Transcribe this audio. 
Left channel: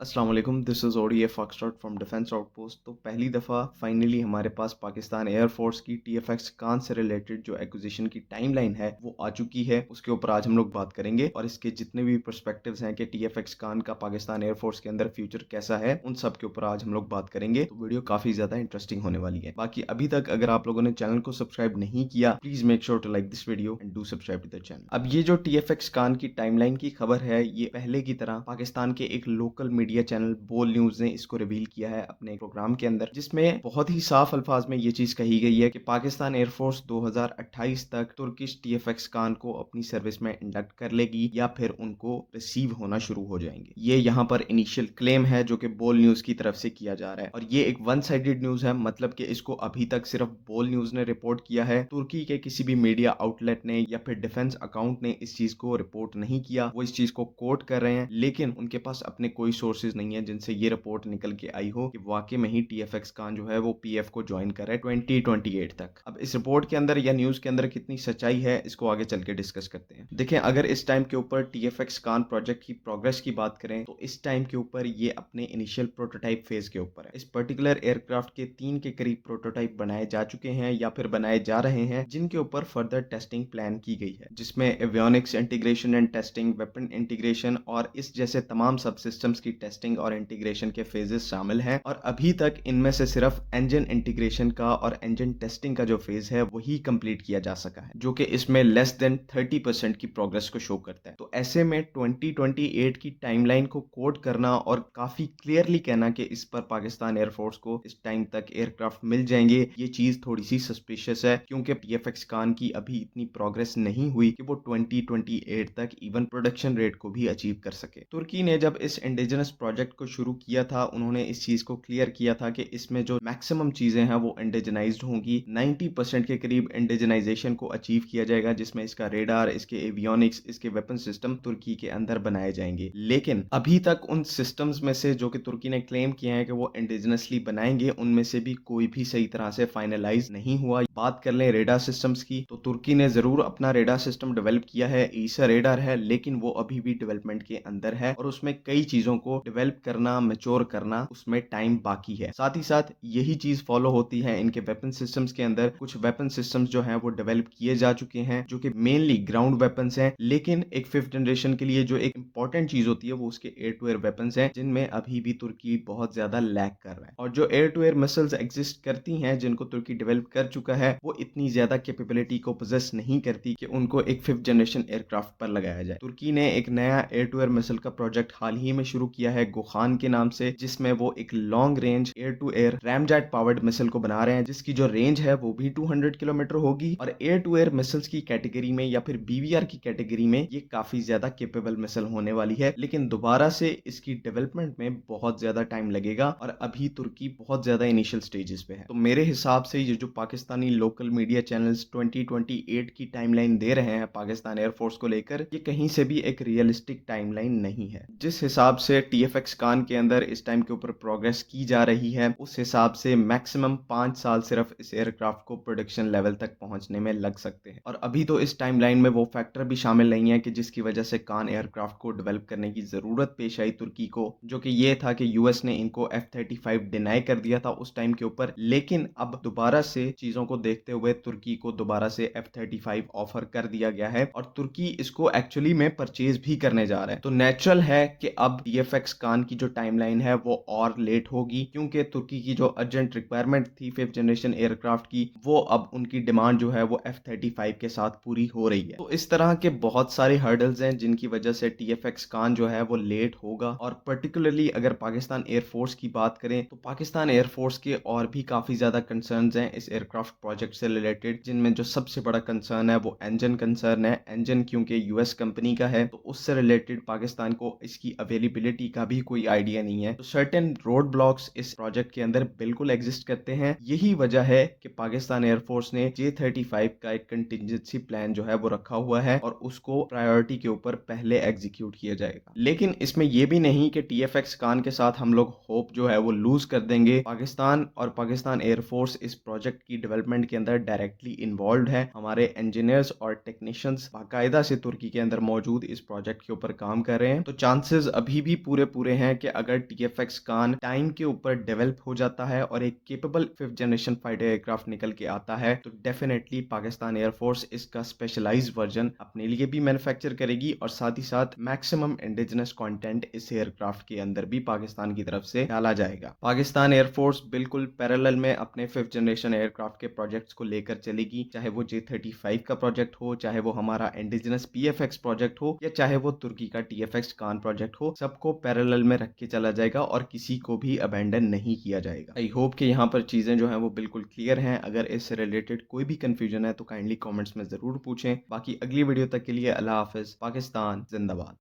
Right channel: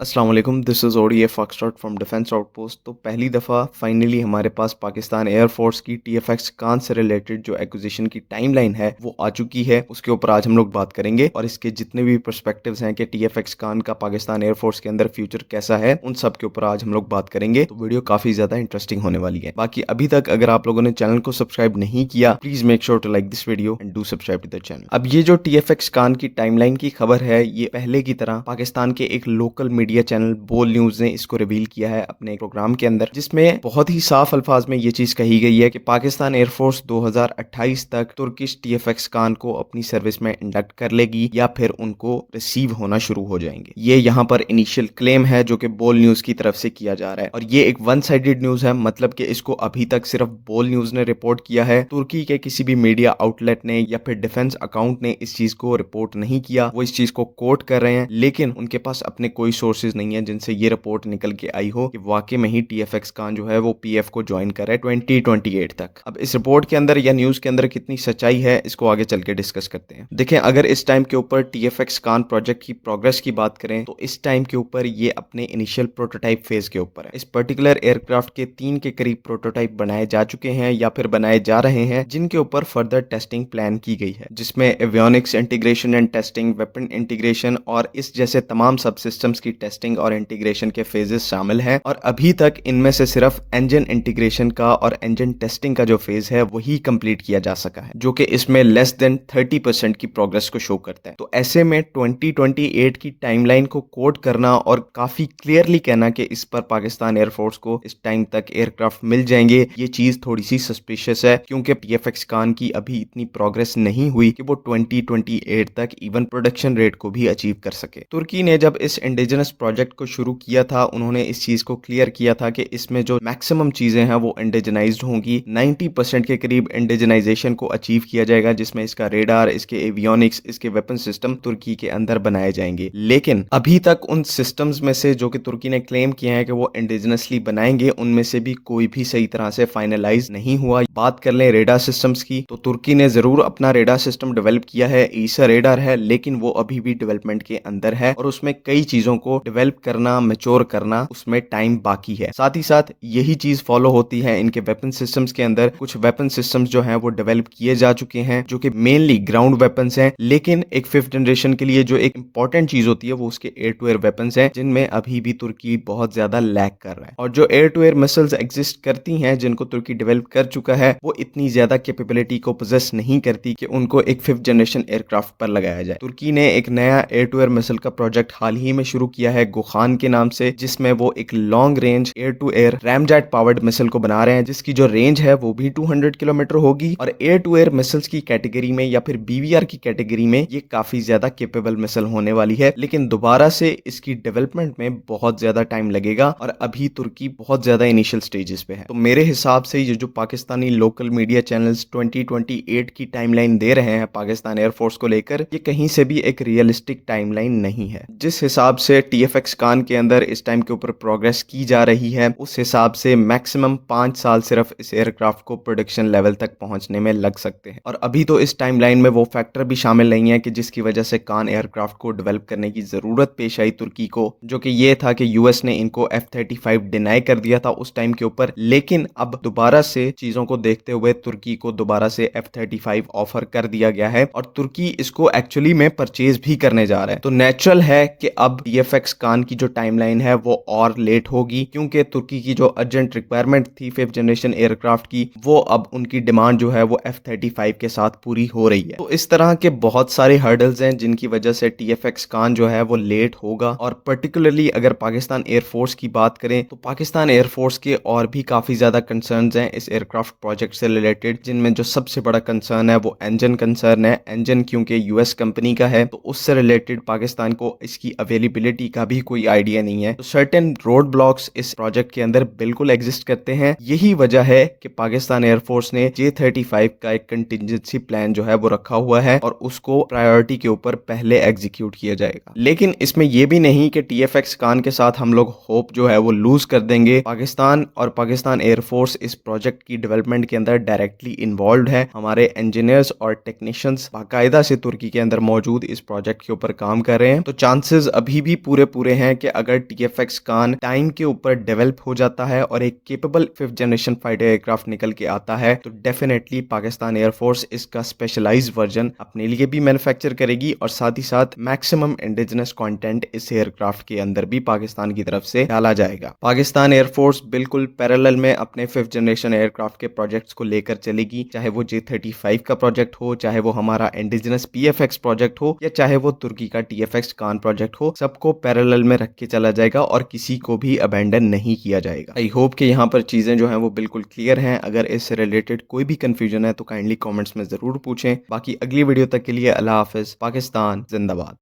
अस्सलाम वालेकुम, this is ODA foxtrot from defence outpost. तो पहली दफ़ा फाइनली हमारे पास पाकिस्तान एयरफोर्स की टीएफएक्स कान से रिलेटेड जो एक्विजिशन की टाइमलाइन है वो आ चुकी है। उसके ऊपर आज हम लोग बात करेंगे और इसके जितने भी पर्सपेक्टिव्स हैं कि टीएफएक्स कान का पाकिस्तान एयरफोर्स के अंदर फ्यूचर कैसा है, उन सब के ऊपर आज हम लोग बात करेंगे। तो वीडियो काफ़ी ज़्यादा इंटरेस्टिंग होने वाली है। बाकी अभी तक अगर आप लोगों ने चैनल को सब्सक्राइब नहीं किया, please make sure to like this video and do subscribe to the channel. अब ये जो टीएफएक्स कान की टाइमलाइन की खबर है, ये पहले की तरह पाकिस्तान के एक लोकल मीडिया चैनल बोल न्यूज ने इसको रिवील किया है अपने प्रोग्राम के अंदर, जिसमें बहुत ही साफ अल्फाज में ये चीज कही गई है कि पाकिस्तान एयरफोर्स 2028 तक तुर्किश टीएफएक्स कान को अपनी सर्विस में इंडक्ट कर लेगी या फिर उनको रिसीव होना शुरू हो जाएंगे। ये यहाँ पर इनिशियल क्लेम है जो कि बोल न्यूज की तरफ से किया जा रहा है और ये एक वन साइडेड न्यूज है, मतलब कि इसको अभी तक सिर्फ बोल न्यूज ने रिपोर्ट किया है। तुर्की के किसी भी मीडिया आउटलेट ने या फिर डिफेंस अकाउंट ने इस चीज को रिपोर्ट नहीं किया। वो इस चीज को कोट कर रहे हैं, लेकिन उनके पास अपने कोई सोर्सेज नहीं है जिनसे ये रिपोर्ट निकल के आई हो कि वाकई में ही टीएफएक्स कान जो है वो पीएफ को ज्वाइन कर रहा है 2028 तक। अब इस रिपोर्ट के अंदर या न्यूज के अंदर कितनी सच्चाई है, इसको आगे चल के डिस्कस करते हैं। देखें, अगर इस टाइम के ऊपर टीएफएक्स कान प्रोजेक्ट की प्रोग्रेस की बात करें तो इस टाइम के ऊपर ये अपने इनिशियल प्रोटोटाइप फेज के ऊपर है। इस पर्टिकुलर एयरक्राफ्ट के 3 के करीब प्रोटोटाइप बनाए जा चुके हैं या फिर बनाए जा रहे हैं, जिनके ऊपर फर्दर टेस्टिंग प्लान की गई है, जिसमें avionics integration and testing, weapon integration और इस जैसे तमाम सब सिस्टम्स की टेस्टिंग और इंटीग्रेशन के फेजेस शामिल हैं। और अभी तक इनमें से सिर्फ इंजन इंटीग्रेशन का और इंजन टेस्टिंग का जो फेज है वही कंप्लीट किया जा सका है, जो कि इसमें लेस देन 30% की प्रोग्रेस को शो करता है। तो ऐसे में 2028 की टाइमलाइन को कोड करना और काफी क्लियरली कहना कि इस पर पाकिस्तान एयरफोर्स को इस टाइम तक एयरक्राफ्ट मिल जाएंगे, ये चीज थोड़ी सी सस्पिशियस है, क्योंकि टीएफएक्स कान की अभी इतनी प्रोग्रेस नहीं हुई कि वो 2028 तक इवन प्रोडक्शन रेट को भी अचीव कर सके। तुर्की ने जब इस इंडिजिनस प्रोजेक्ट को शुरू किया था, उन्होंने इस चीज को क्लियर किया था कि इसमें जो मैक्सिमम चीजें हैं वो इंडिजनाइज्ड होंगी। 90% के करीब इंडिजनाइजेशन को अचीव किया जाएगा, जिसमें इसका रेडार, इसके एवियोनिक्स, इसके वेपन सिस्टम तुर्की के अंदर बनाए जाएंगे। लेकिन अभी तक उन सिस्टम्स में से जो कि तुर्की ने क्लेम किया है कि वो इंडिजिनसली बनाएंगे, उनमें से भी कोई भी सही तरह से फाइनलाइज नहीं हुआ। बात कर लें रेडार सिस्टम्स की, तो तुर्की ने जरूर अपना रेडार सिस्टम डेवलप किया है, ईसा रेडार है, लेकिन वो अभी भी डेवलपमेंट के अंदर है और उसमें कई चीजों को डेवलप करना, मैच्योर करना, उसमें टाइम बाकी है। साथ ही साथ यही चीज फॉलो होती है इनके वेपन सिस्टम्स के अंदर। कुछ वेपन सिस्टम्स जो हैं वो डेवलप किए जा चुके हैं, जो कि मेनली ग्राउंड वेपन्स हैं, लेकिन एक 5th जनरेशन के लिए जो एक इंपॉर्टेंट चीज होती है वो उसके एयर टू एयर वेपन्स हैं, जिनमें अभी भी तुर्की बहुत ज्यादा लैग कर रहा है। और जो air to air missiles exist करती हैं, जिनको तुर्की डेवलप कर चुका है, वो इतनी ज्यादा कैपेबिलिटी को पोजेस नहीं करती कि उनको एक 5th जनरेशन एयरक्राफ्ट पर लगाया जाए। तुर्की ने एक नया एयर टू एयर मिसाइल का प्रोजेक्ट हाल ही में शुरू किया है गुखान के नाम से, जिसमें वो एक long range air to air ramjet powered missile को बना रहे हैं, जिसकी जो रेंज है वो भी 200 किलोमीटर होगी। और एयर टू एयर मिसाइल्स की कैटेगरी में या फिर बीवीआर की कैटेगरी में ये काफी ज्यादा कैपेबल मिसाइल होने वाली है, लेकिन दोबारा से इसकी डेवलपमेंट में बहुत ज्यादा टाइम लगेगा और अभी तुर्की बहुत ज्यादा इनिशियल स्टेजेस पे है। तो मेरे हिसाब से ये जो पाकिस्तानी लोकल मीडिया चैनल्स 2028 की टाइमलाइन दे रहे हैं पाकिस्तान एयरफोर्स को लेकर, ये कहीं से भी एक रियलिस्टिक टाइमलाइन नहीं है। जिस हिसाब से टीएफएक्स कान के अंदर इस टाइम के ऊपर प्रोग्रेस की जा रही है, उस हिसाब से मैक्सिमम 5 साल सिर्फ इस एयरक्राफ्ट को प्रोडक्शन लेवल तक पहुंचने में लग सकते हैं। और अभी तो इस टाइमलाइन में वो फैक्टर भी शामिल नहीं है कि जिसकी वजह से कान एयरक्राफ्ट को डेवलप करने की जरूरत पेश आई तुर्की को, जो कि ये था कि यूएस ने इनको F-35 डिनाई कर दिया था उस टाइम के ऊपर, लेकिन अब दोबारा से चीजों को देखते हुए तुर्की को दोबारा से F-35 ऑफर कर दिया गया है और तुर्की इसको एक्चुअली में परचेज भी करने जा रहा है। तो नेचुरल है कि अब टीएफएक्स कान की जो टाइमलाइन है वो और लेट होगी, क्योंकि तुर्की की जो अर्जेंट रिक्वायरमेंट थी 5th जनरेशन एयरक्राफ्ट की, वो अब उनकी डिमांड जो है वो F-35 के साथ पूरी हो रही है। तो इस तरह के बहुत सारे हर्डल्स हैं जिनकी वजह से टीएफएक्स कान जो है वो लेट होगा। और पर्टिकुलरली अगर पाकिस्तान एयरफोर्स की बात करें तो पाकिस्तान एयरफोर्स के और भी काफी ज्यादा कंसर्न्स हैं इस एयरक्राफ्ट प्रोजेक्ट से रिलेटेड, जिनमें जो सबसे बड़ा कंसर्न है वो इंजन कंसर्न है। इंजन क्योंकि यूएस कंपनी का है, तो उससे रिलेटेड पाकिस्तान को इसकी अवेलेबिलिटी का भी कोई आइडिया नहीं है। तो सर्टेन रोड ब्लॉक्स इस प्रोजेक्ट के अंदर बिल्कुल एग्जिस्ट करते हैं। यही वजह है कि पाकिस्तान एयरफोर्स ने J-35 का एक कंटिजेंसी प्लान जो है वो रखा हुआ है और उसको प्रायोरिटी के ऊपर पहले एग्जीक्यूट किया जाएगा। लेकिन इसमें यह भी नहीं कि टीएफएक्स कान के साथ हम लोग होप जो है वो लूज कर देंगे। पाकिस्तान और पाकिस्तान एयरफोर्स इस प्रोजेक्ट की डेवलपमेंट के अंदर डायरेक्टली इन्वॉल्व है। हमारे इंजीनियर्स और टेक्नीशियंस बाकायदा से तुर्की के अंदर मौजूद इस प्रोजेक्ट के ऊपर काम कर रहे हैं। तो चांसेस अभी भी पूरे पूरे हैं कि अगर टीएफएक्स कान टाइम के ऊपर डेवलप हो जाता है और एक capable 5th generation fighter aircraft निकल के आता है तो डेफिनेटली पाकिस्तान एयरफोर्स इसका स्पेशलाइज्ड वर्जन अपने लिए भी मैन्युफैक्चर करेगी और साथ ही साथ मैक्सिमम इंडिजिनस कंटेंट इस एयरक्राफ्ट के अंदर भी पाकिस्तान की तरफ से डाला जाएगा। पाकिस्तान एयरफोर्स बिल्कुल पैरेलल में अपने 5th जनरेशन एयरक्राफ्ट के प्रोजेक्ट्स को लेकर चलेगी, चाहे वो J-35 का प्रोजेक्ट हो, चाहे वो हमारा इंडिजिनस पीएफएक्स प्रोजेक्ट हो या चाहे वो तुर्की का टीएफएक्स कान प्रोजेक्ट हो, सबको पैरेलल में रख के चला जाएगा और किसी को भी अबैंडन नहीं किया जाएगा। आई होप कि यहाँ पर चीजें जो हैं वो बिल्कुल क्लियर हैं। अगर इससे रिलेटेड कोई भी कंफ्यूजन है तो काइंडली कमेंट्स में जरूर पूछें। बाकी अगली वीडियो तक के लिए अल्लाह हाफिज। पाकिस्तान जिंदाबाद।